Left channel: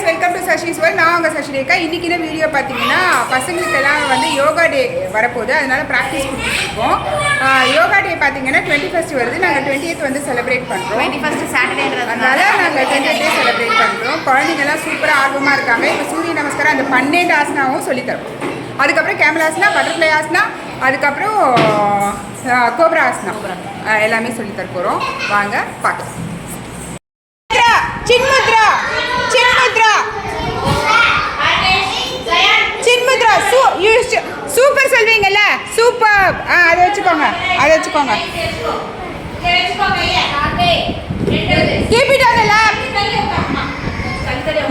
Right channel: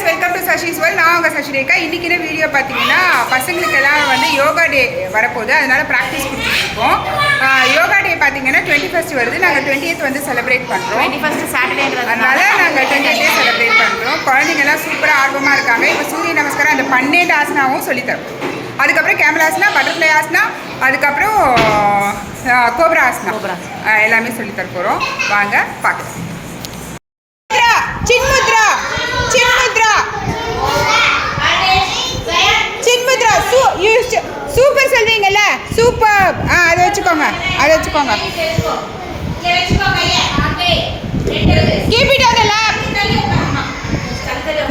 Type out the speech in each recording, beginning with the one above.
guys, welcome to Sashi's World. நான் உங்கள் சசி ரேகா. இன்றைக்கி என்ன வீடியோ பார்த்தீங்கன்னா பசங்களுக்கெல்லாம் வந்து யோகா டே வரப்போகுது, அதனால் ப்ராக்டிஸ் கொடுத்துட்ருக்கோம். யோகா டே பார்த்தீங்கன்னா 21st வருது. நாங்கள் 20th வந்து செலிப்ரேட் பண்ணுறோம். 21st சாட்டர்டே, அதனால் நாங்கள் 20th செலிப்ரேட் பண்ணுறோம். குழந்தைங்கள்லாம் சூப்பராக ஆர்வமாக இருக்காங்க. இப்போ சூரிய நமஸ்காரம் அந்த 12 ஆசனாவும் சொல்லித்தரோம். அதுக்கப்புறம் கேமல் ஆசனா, பட்டர்ஃப்ளை ஆசனா, அதுக்கப்புறம் கோப்ரா ஆசனா எல்லாமே சொல்லித்தர போகிறோம். வாங்க பார்க்கலாம். சின்முத்ரா சின்முத்ரா சின்முத்ரா சூப்பர் சொல்வீங்கல்ல, சூப்பர். அதை வச்சுக்கோங்க, அதை வச்சுக்கோங்க. Keep it on the lap.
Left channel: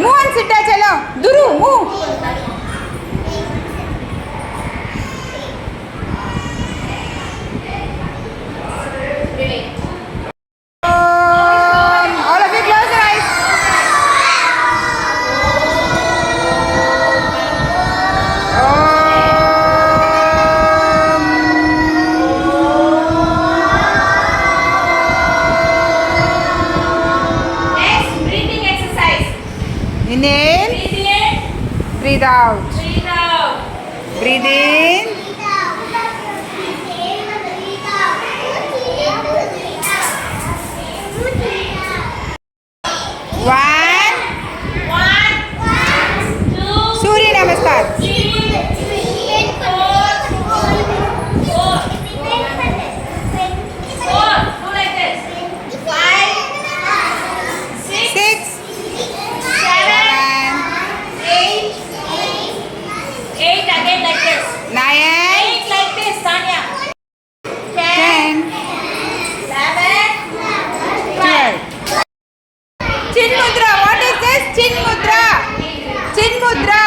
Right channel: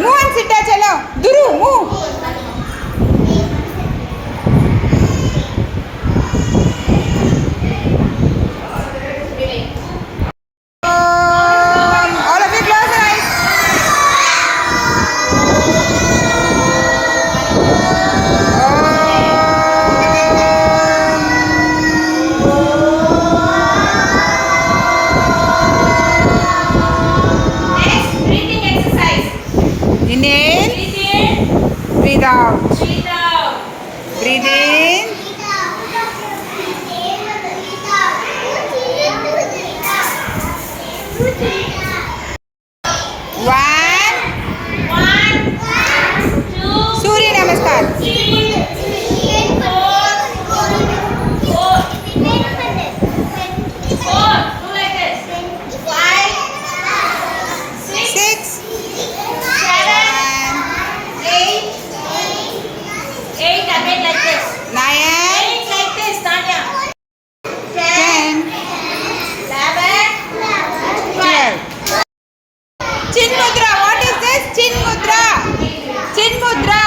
Move and sit. चलो दुरू move. All of you close your eyes. Next breathing exercise. Inhale, breathe out. Breathe in, one, Surya Namaskar. Six, seven, nine, 10, 12. Chinmudra, what is this? Chinmudra. Chinmudra.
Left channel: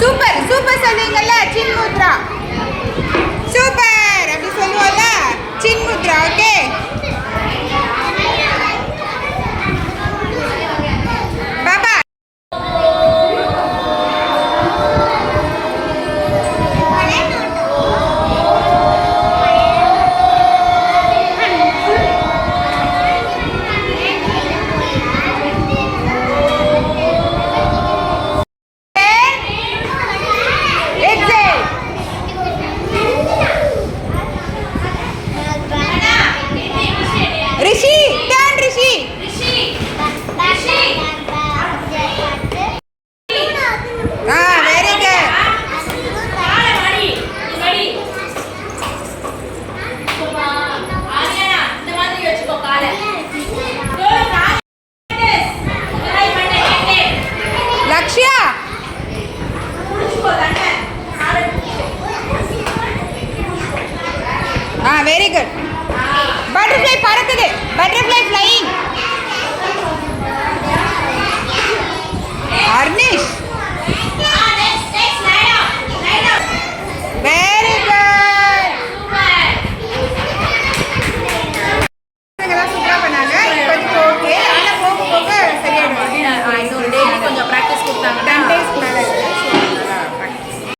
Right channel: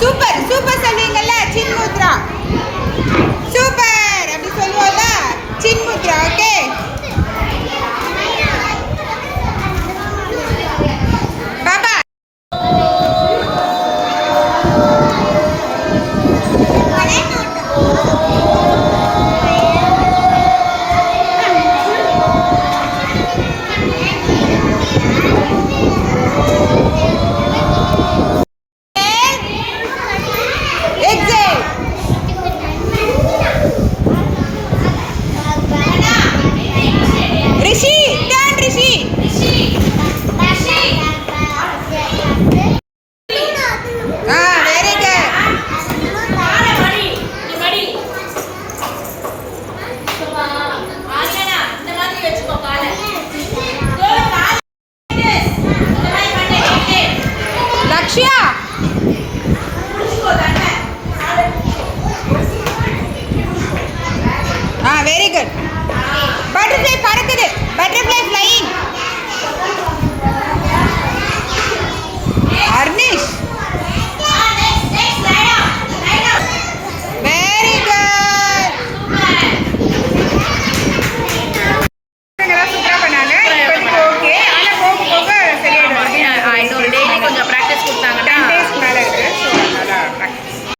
Super, super சொல்வீங்கல்ல, Chinmudra. Super, அப்படி சொல்லுவோம்ல, Chinmudra, okay? Bye-bye. Rishi, turn Rishi. Very good. Lakshya. Very good. Butterfly பறக்குது. Butterfly flying.